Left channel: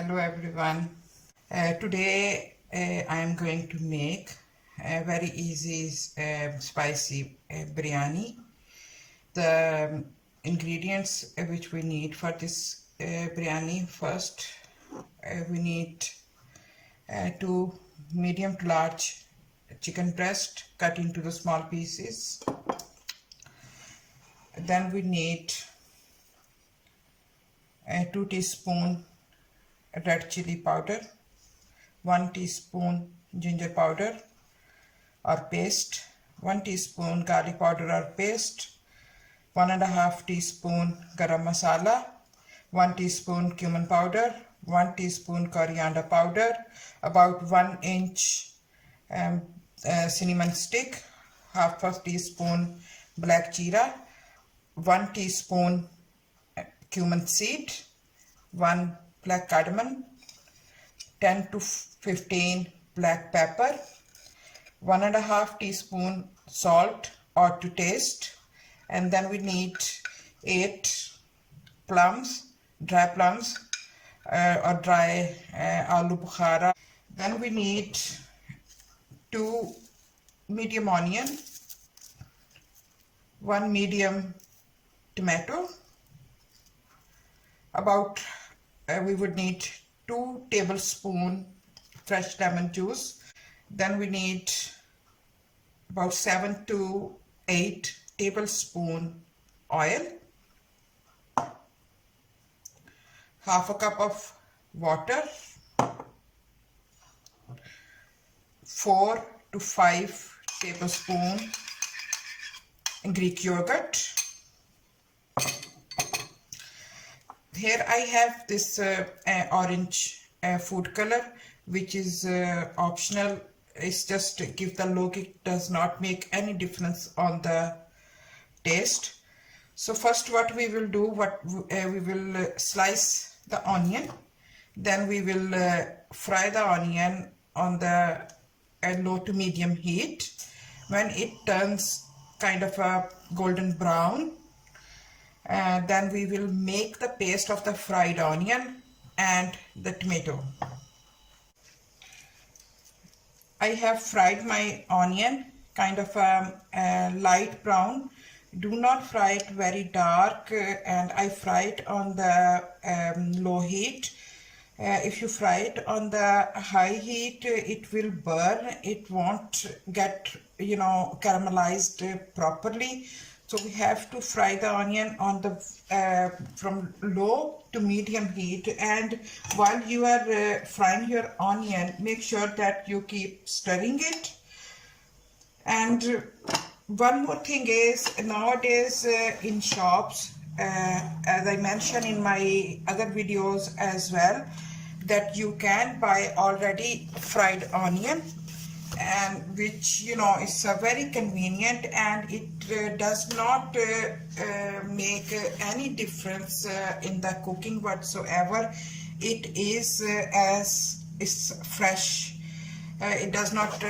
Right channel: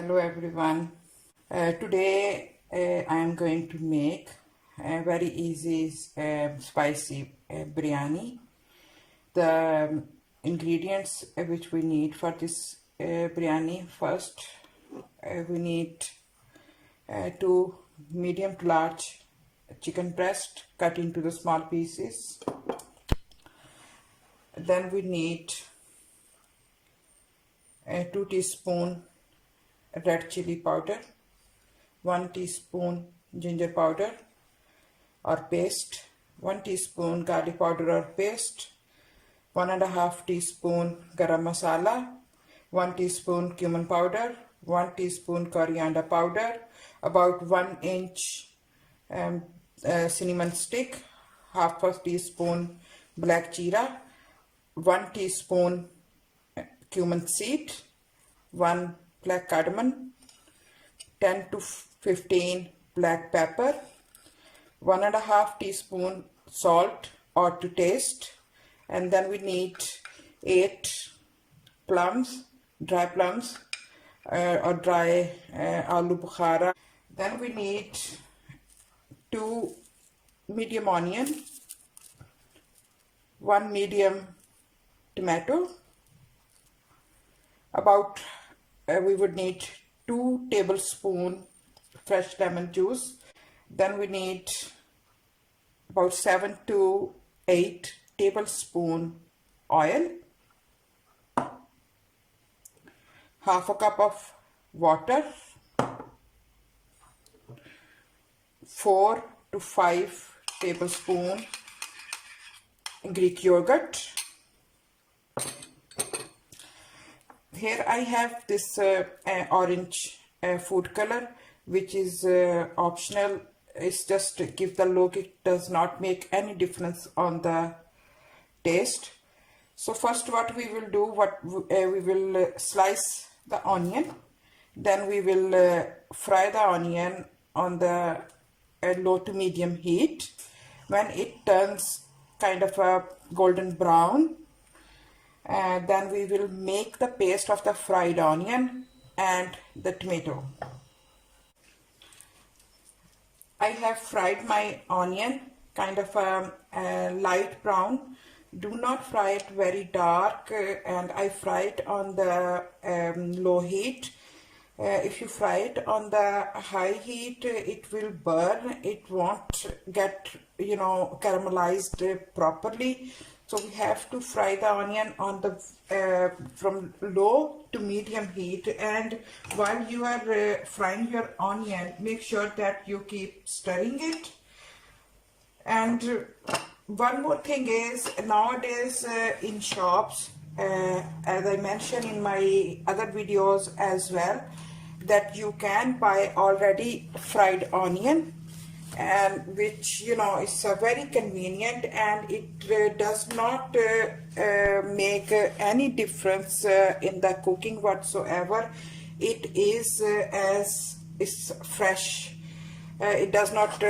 Hello everyone. Today I am going to make a very easy spicy biryani. The ingredients which we need for this biryani: first we need two medium to large chicken breast cut into the small pieces. Then we need 2 teaspoon red chili powder, 1 teaspoon ginger powder or paste, 1 teaspoon garlic powder or paste, 1.5 teaspoon garam masala, 1 teaspoon cumin powder, 1 teaspoon coriander powder, about 1 inch cinnamon stick, half a teaspoon black jeera, 1 teaspoon cumin seed, 1 black cardamom, 10 to 15 black pepper, 1.5 teaspoon salt or to taste, and then we need 8 plums, dry plums or dry aloo bukhara. Then we need 2 medium onion, 1 medium tomato, about we would need 2 tablespoons fresh lemon juice. Then we need about 7 to 8 tablespoons oil, half a cup of water, 4 to 5 tablespoons Greek yogurt. Here I have this orange food color, which is optional. It's just to give the look. It does not make any difference on the taste. So first what we will do, we will slice the onion. Then we will fry the onion on the low to medium heat. When it turns kind of a golden brown, then we will make the paste of the fried onion and the tomato. I have fried my onion kind of a light brown. Do not fry it very dark, and I fry it on the low heat. If you fry it on the high heat, it will burn. It won't get, caramelized properly. So we have to fry the onion on the from low to medium heat, and while you are frying your onion, make sure that you keep stirring it. And one more thing is, nowadays in shops, as I mentioned in my other videos as well, that you can buy already fried onion, and which is very convenient, and it does not make any difference in the cooking whatsoever. It is as is fresh. It does not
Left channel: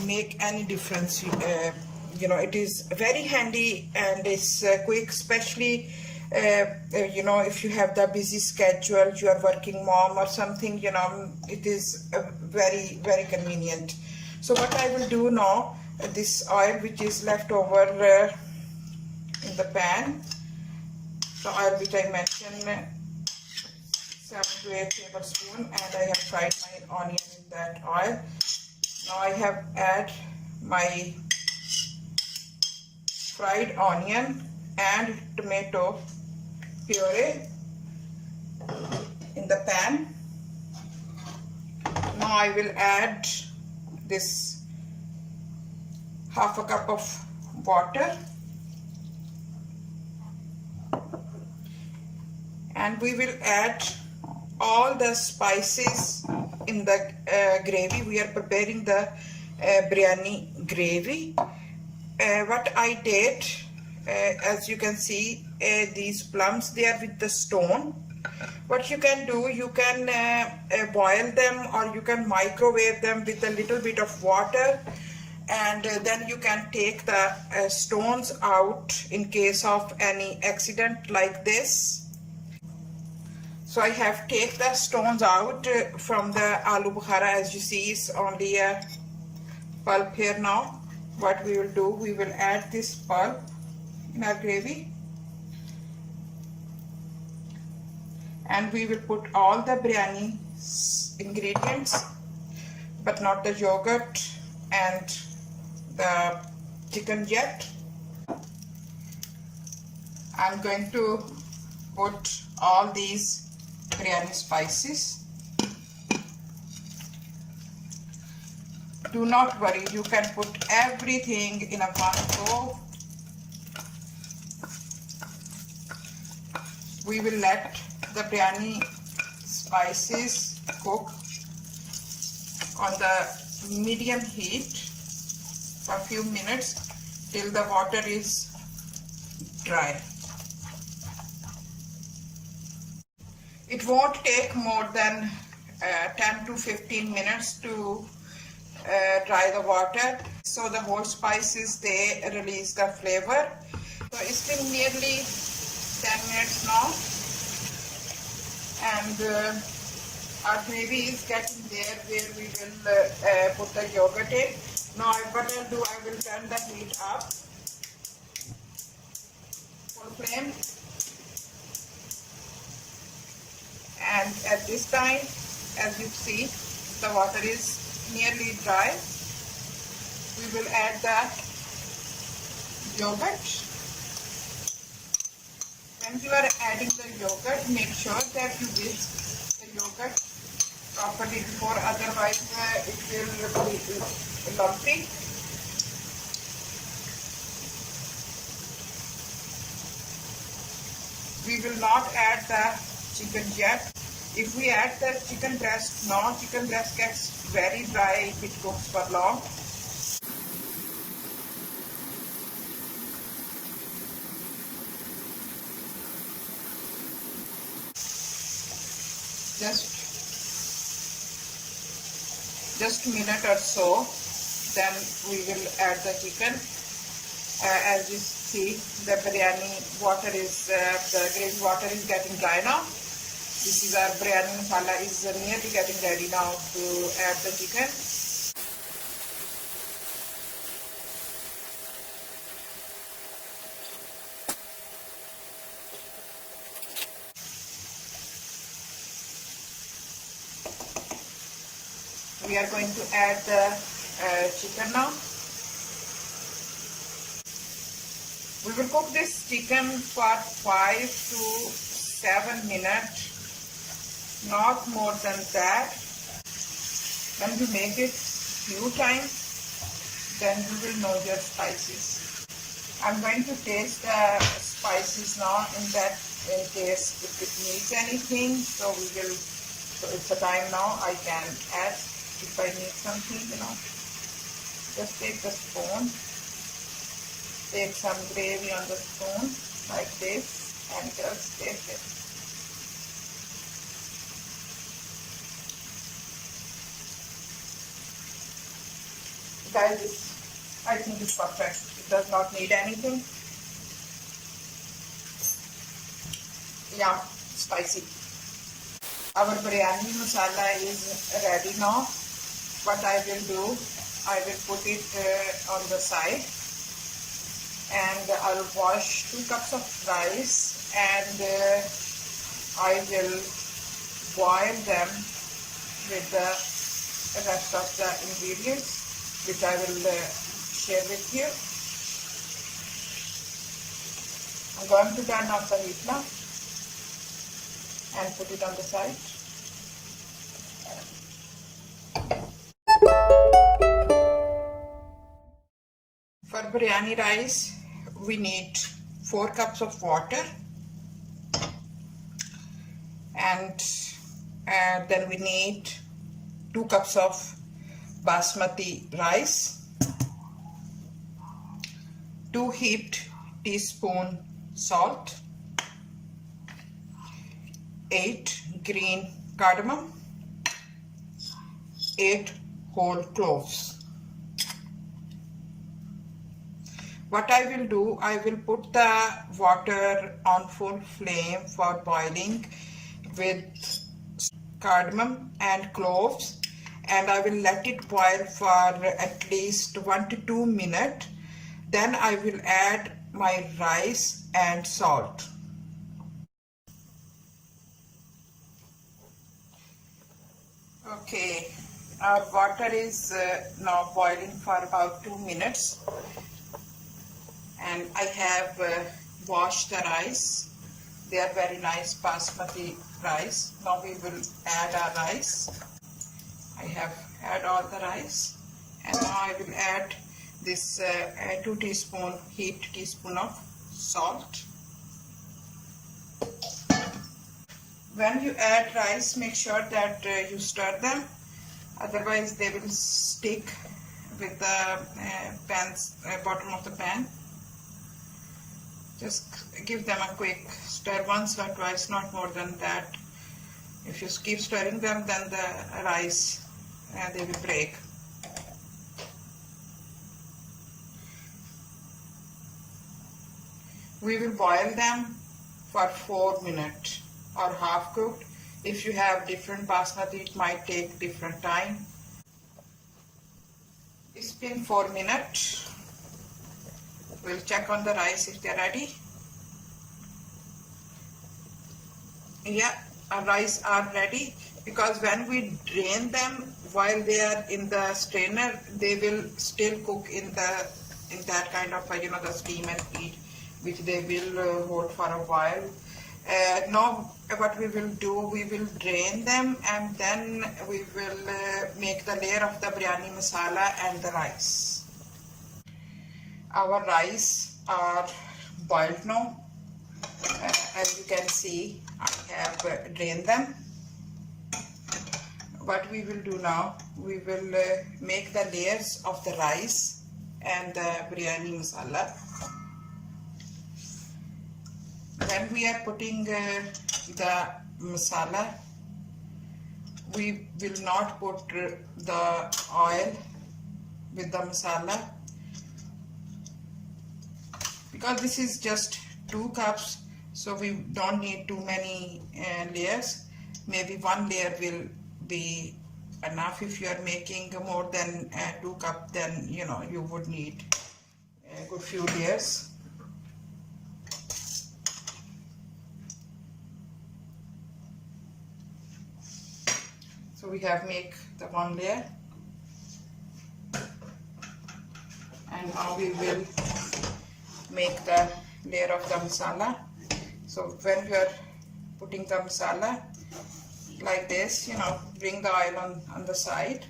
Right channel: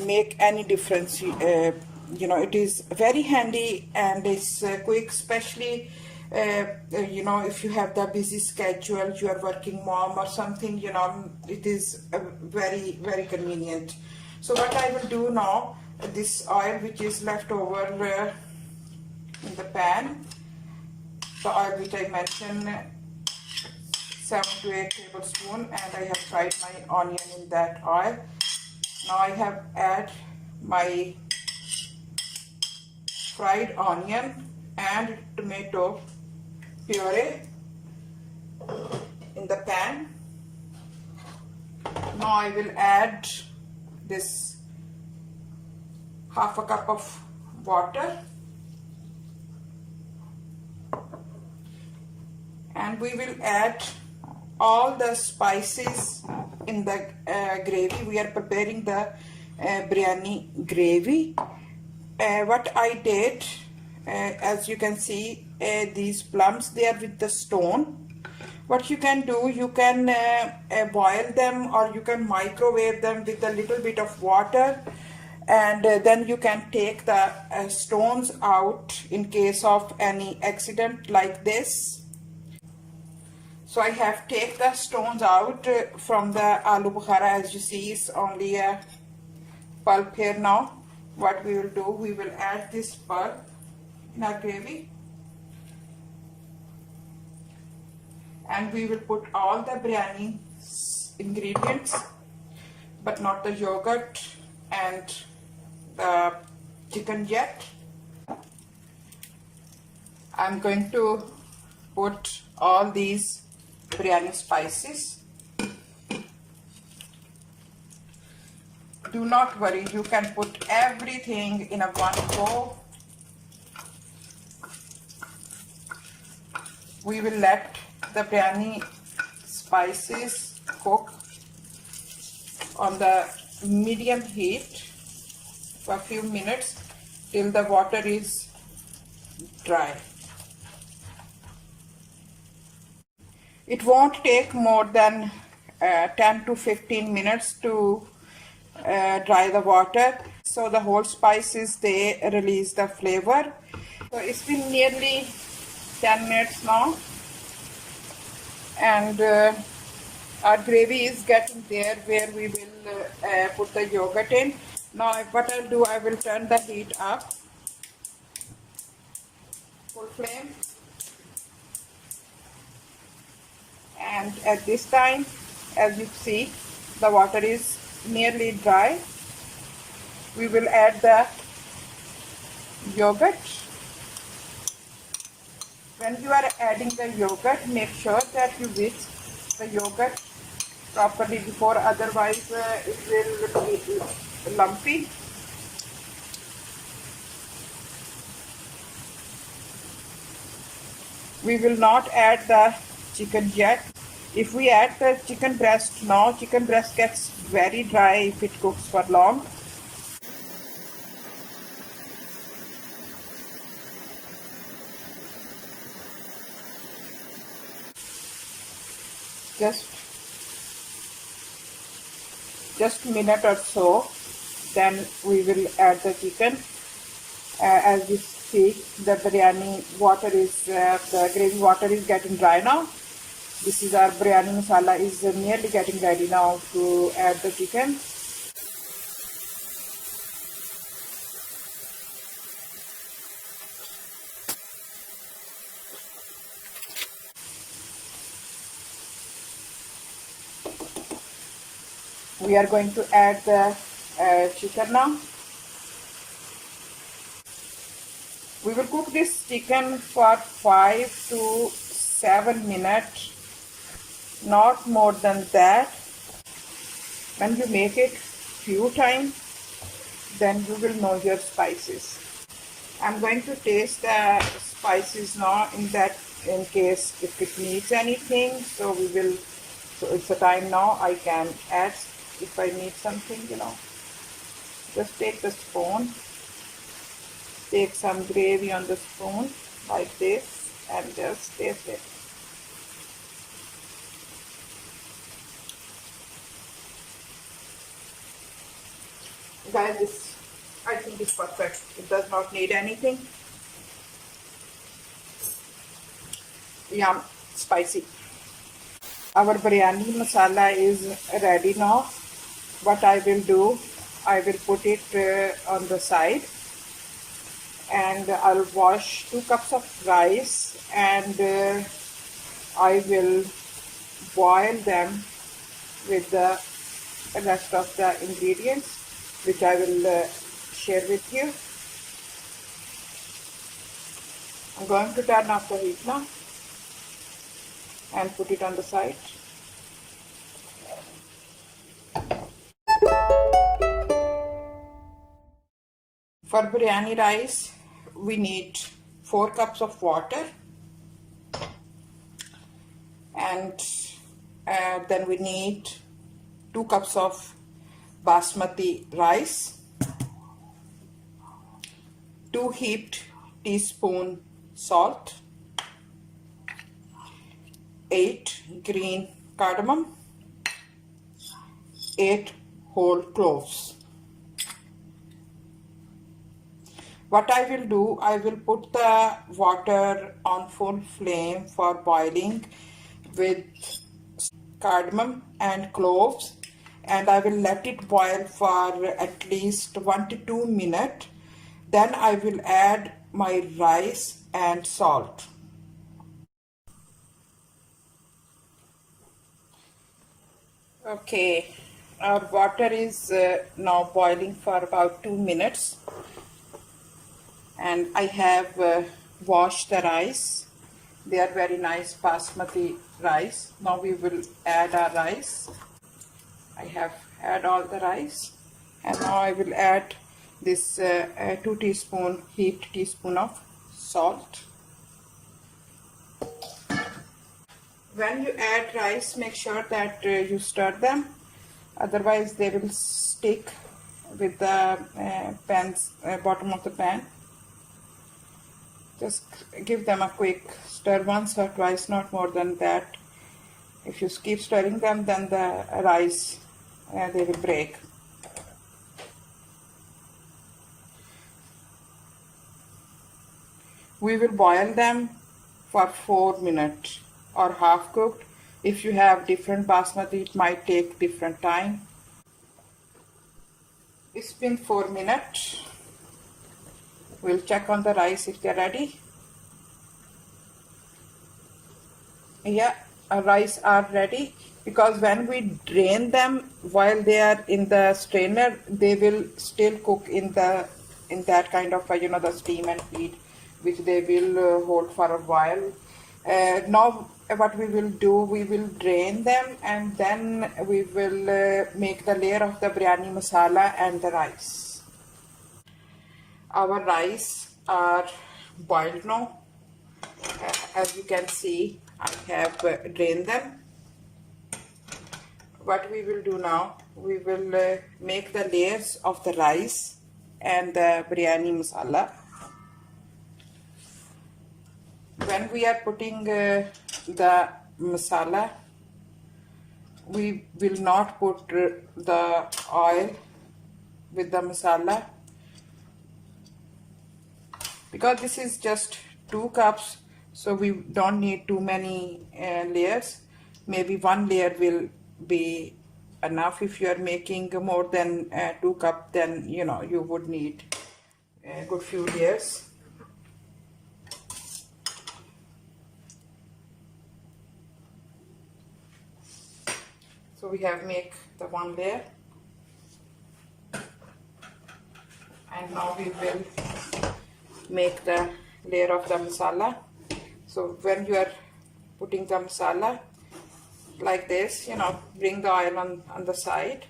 make any difference. It is very handy, and it's quick, especially if you have the busy schedule, you are working mom or something, it is very, very convenient. So what I will do now, this oil which is left over in the pan, the oil which I mentioned, 7 to 8 tablespoons, and I have fried my onion in that oil. Now I have add my fried onion and tomato puree in the pan. Now I will add this half a cup of water, and we will add all the spices in the gravy. We are preparing the biryani gravy. What I did, as you can see, these plums, they are with the stone. What you can do, you can boil them, or you can microwave them with a little bit of water, and then you can take the stones out in case of any accident like this. So I have take the stones out from the aloo bukhara. As you see, it's only a pulp here now. What we will do, we will add this pulp in our gravy, and we will put all the biryani ingredients, but not the yogurt and the chicken yet. I'm going to put all these biryani spices. Do not worry, you can put everything in a one go. We will let the biryani spices cook on the medium heat for a few minutes till the water is dry. It won't take more than 10 to 15 minutes to dry the water, so the whole spices, they release the flavor. So it's been nearly 10 minutes now, and our gravy is getting there where we will put the yogurt in. Now what I'll do, I will turn the heat up, full flame, and at this time, as you see, the water is nearly dry. We will add the yogurt. When you are adding the yogurt, make sure that you whisk the yogurt properly before, otherwise it will be lumpy. We will not add the chicken yet. If we add the chicken breast now, chicken breast gets very dry if it cooks for long. Just a minute or so, then we will add the chicken. As you see, the biryani water is, the gravy water is getting dry now. This is our biryani masala is nearly getting ready now to add the chicken. We are going to add the chicken now. We will cook this chicken for 5 to 7 minutes, not more than that. When you make it few times, then you will know your spices. I'm going to taste the spices now in case if it needs anything. So it's the time now I can add if I need something, Just take the spoon, take some gravy on the spoon like this, and just taste it. Guys, I think it's perfect. It does not need anything. Yum, spicy. Our biryani masala is ready now. What I will do, I will put it on the side, and I'll wash 2 cups of rice, and I will boil them with the rest of the ingredients, which I will share with you. I'm going to turn off the heat now and put it on the side. For biryani rice, we need 4 cups of water, and then we need 2 cups of basmati rice, 2 heaped teaspoon salt, 8 green cardamom, 8 whole cloves. What I will do, I will put the water on full flame for boiling with cardamom and cloves, and I will let it boil for at least 1 to 2 minutes. Then I will add my rice and salt. Okay, our water is now boiling for about 2 minutes, and I have washed the rice. They are very nice basmati rice. Now we will add our rice. I have add all the rice, and now I will add this 2 teaspoon heaped teaspoon of salt. When you add rice, make sure that you stir them, otherwise they will stick with the bottom of the pan. Just give them a quick stir once or twice, not more than that. If you keep stirring them, then the rice they will break. We will boil them for 4 minutes or half cooked. If you have different basmati, it might take different time. It's been 4 minutes. We'll check on the rice if they're ready. Yeah, our rice are ready, because when we drain them while they are in the strainer, they will still cook in that kind of the steam and heat, which they will hold for a while. Now what we will do, we will drain them, and then we will make the layer of the biryani masala and the rice. Our rice are boiled now. As you can see, I have drained them. What we will do now, we will make the layers of the rice and the biryani masala. When we are putting the masala, we will not put the oil with the masala, because this is just 2 cups, so we don't need too many layers. Maybe 1 layer will be enough. If you are making more than 2 cups, then you would need a good few layers. So we have make the 1 layer, and now we will make the layer of the masala. So when you are putting the masala like this, bring the oil on the side.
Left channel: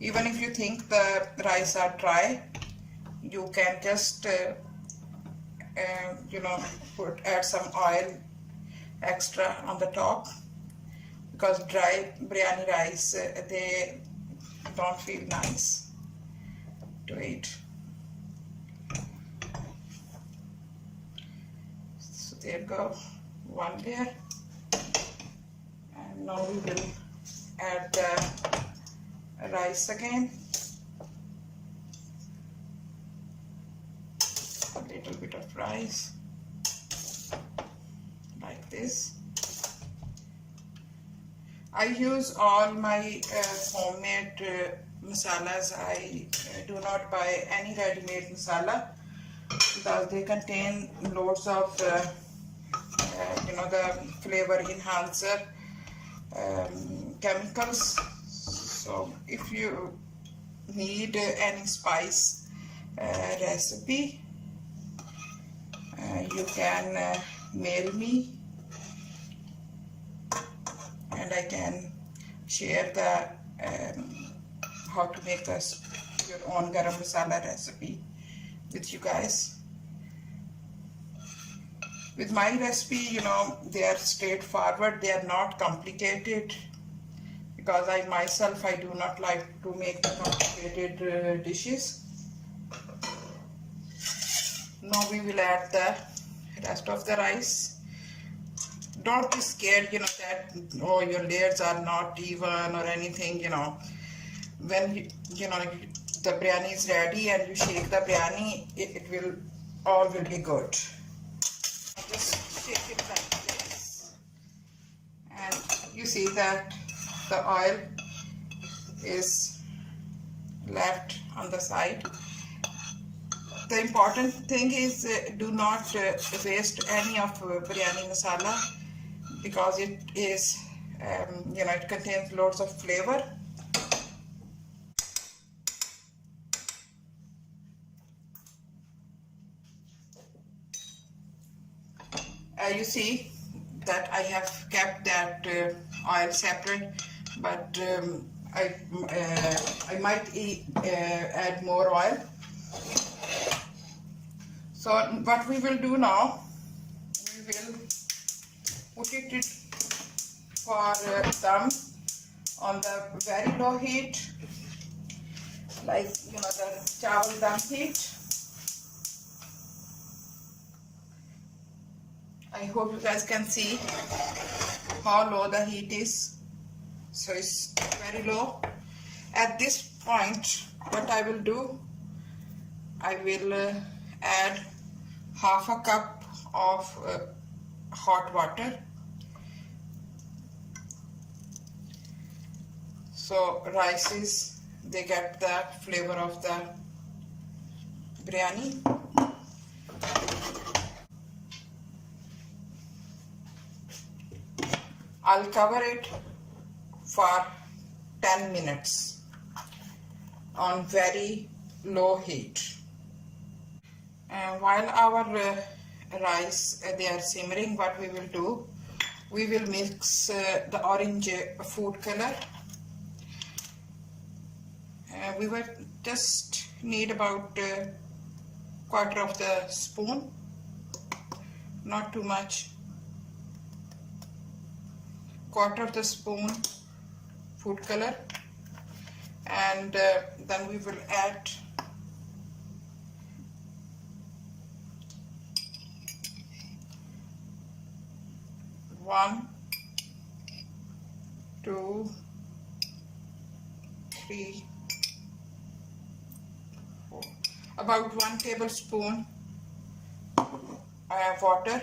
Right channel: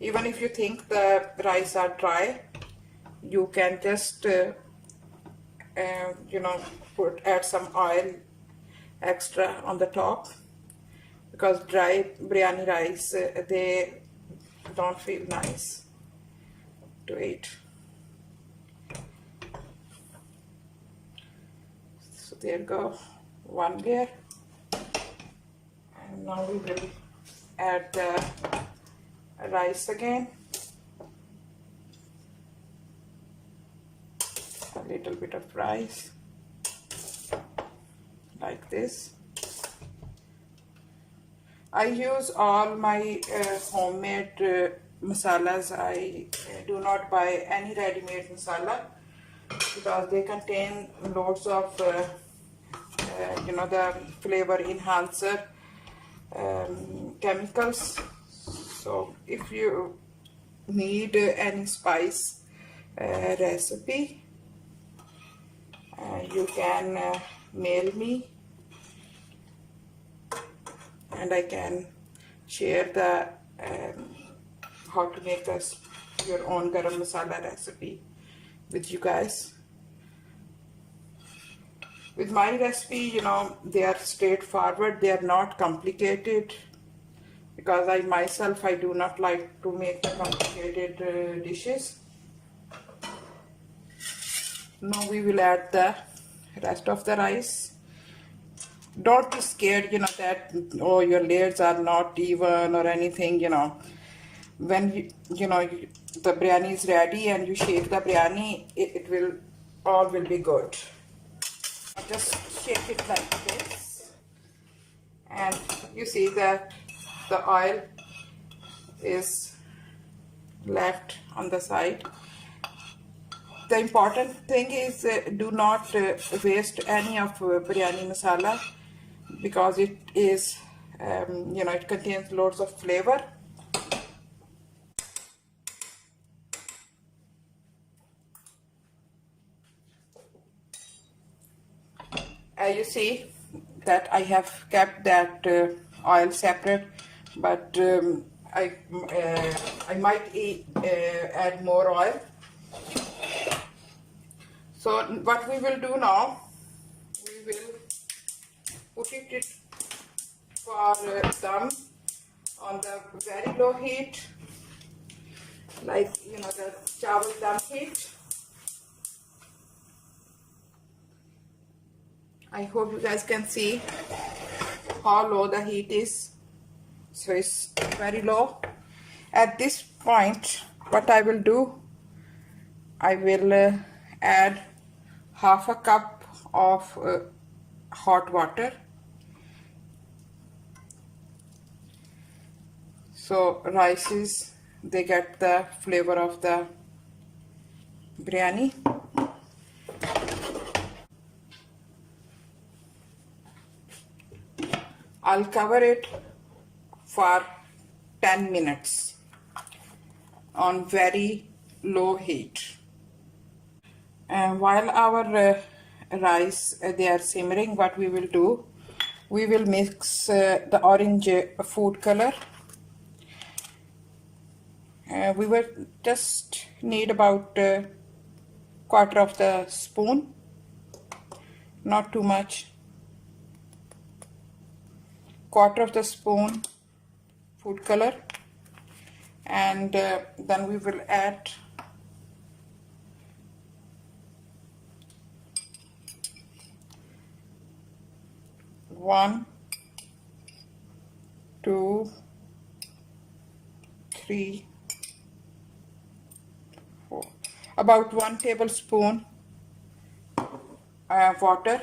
Even if you think the rice are dry, you can just add some oil extra on the top, because dry biryani rice they don't feel nice to eat. So there you go, 1 layer, and now we will add the rice again, a little bit of rice like this. I use all my homemade masalas. I do not buy any ready-made masala, because they contain loads of the flavor enhancer chemicals. So if you need any spice recipe, you can mail me, and I can share the how to make your own garam masala recipe with you guys. With my recipe, they are straightforward, they are not complicated, because I myself do not like to make the complicated dishes. Now we will add the rest of the rice. Don't be scared, that your layers are not even or anything. When the biryani is ready and you shake the biryani, it will all will be good. Just shake it like this. you see that the oil is left on the side. The important thing is do not waste any of biryani masala, because it is it contains loads of flavor. You see that I have kept that oil separate, but I might add more oil. So what we will do now, we will put it for dum on the very low heat, like the chawal dum heat. I hope you guys can see how low the heat is. So it's very low. At this point, what I will do, I will add half a cup of hot water. So rices, they get the flavor of the biryani. I'll cover it for 10 minutes on very low heat. And while our rice they are simmering, what we will do, we will mix the orange food color. We will just need about quarter of the spoon, not too much. Quarter of the spoon food color, and then we will add one, two, three, four, about 1 tablespoon water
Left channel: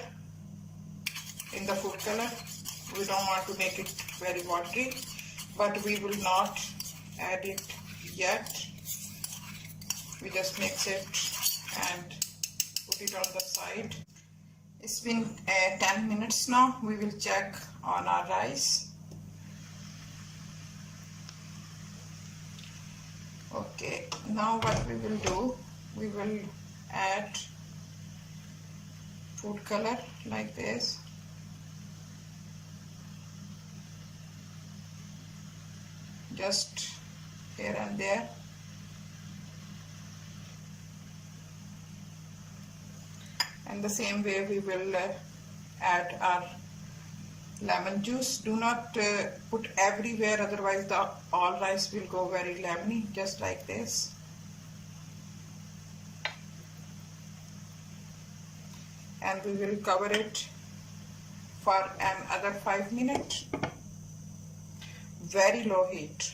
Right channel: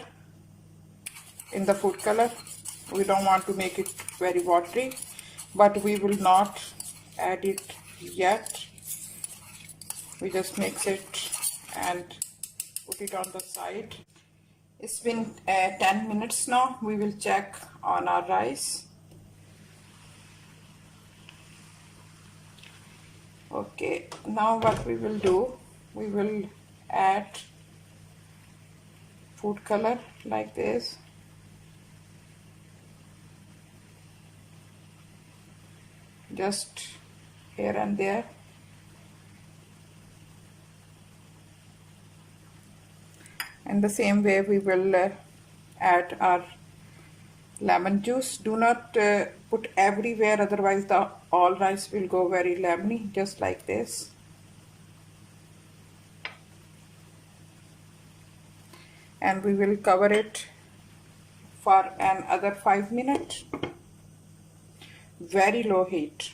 in the food color. We don't want to make it very watery, but we will not add it yet. We just mix it and put it on the side. It's been 10 minutes now. We will check on our rice. Okay, now what we will do, we will add food color like this. Just here and there. And the same way we will add our lemon juice. Do not put everywhere, otherwise the all rice will go very lemony, just like this. And we will cover it for another 5 minutes. Very low heat.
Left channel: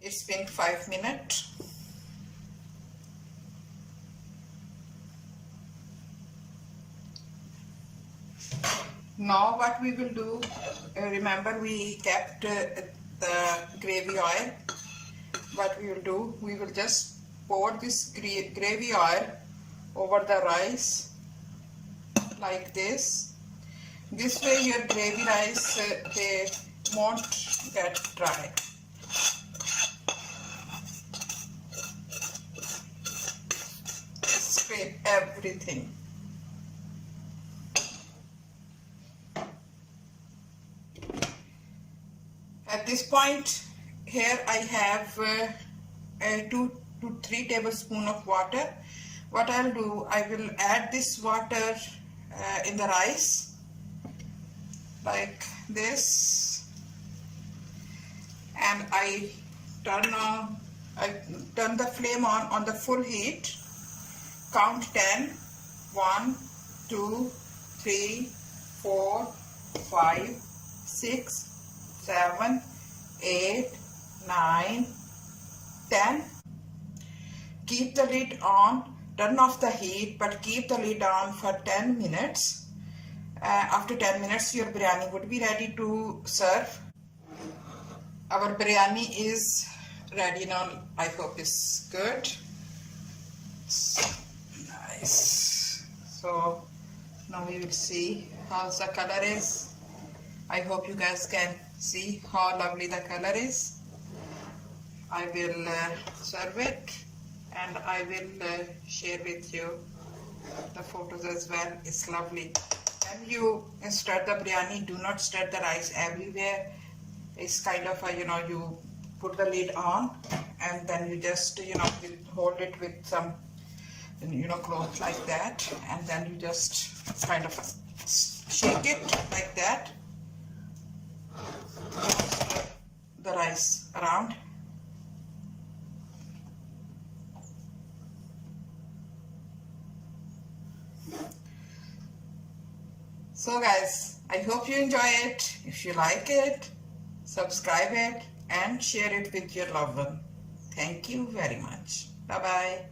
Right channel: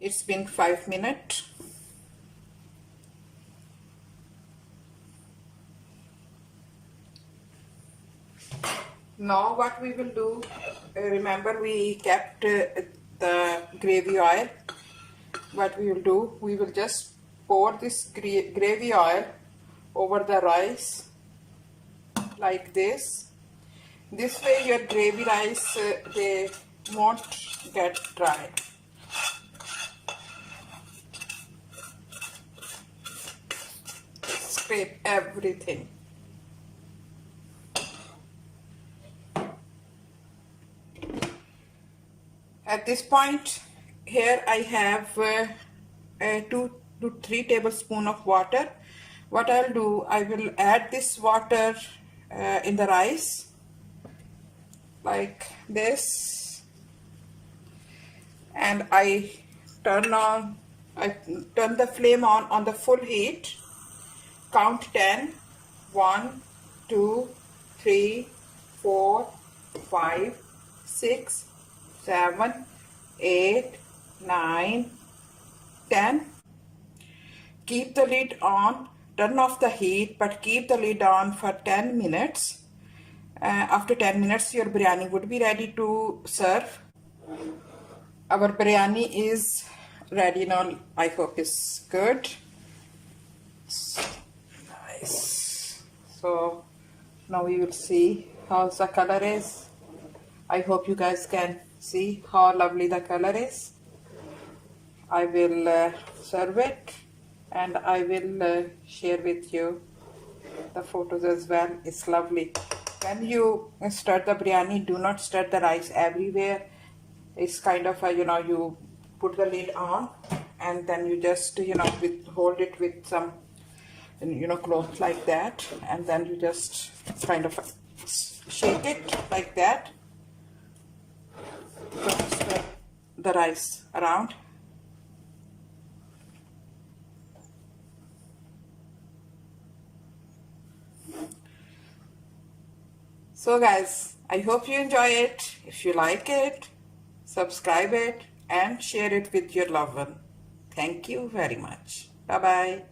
It's been 5 minutes. Now what we will do, remember we kept the gravy oil. What we will do, we will just pour this gravy oil over the rice like this. This way your gravy rice they won't get dry. Scrape everything. At this point, here I have 2 to 3 tablespoons of water. What I'll do, I will add this water in the rice like this, and I turn the flame on the full heat. Count 10. 1, 2, 3, 4, 5, 6, 7, 8, 9, 10. Keep the lid on. Turn off the heat, but keep the lid on for 10 minutes. After 10 minutes, your biryani would be ready to serve. Our biryani is ready now. I hope it's good. Nice. So now we will see how the color is. I hope you guys can see how lovely the color is. I will serve it and I will share with you the photos as well. It's lovely. When you stir the biryani, do not stir the rice everywhere. It's kind of a, you put the lid on and then you just, hold it with some, cloth like that, and then you just kind of shake it like that. Stir the rice around. So guys, I hope you enjoy it. If you like it, subscribe it and share it with your loved one. Thank you very much. Bye bye.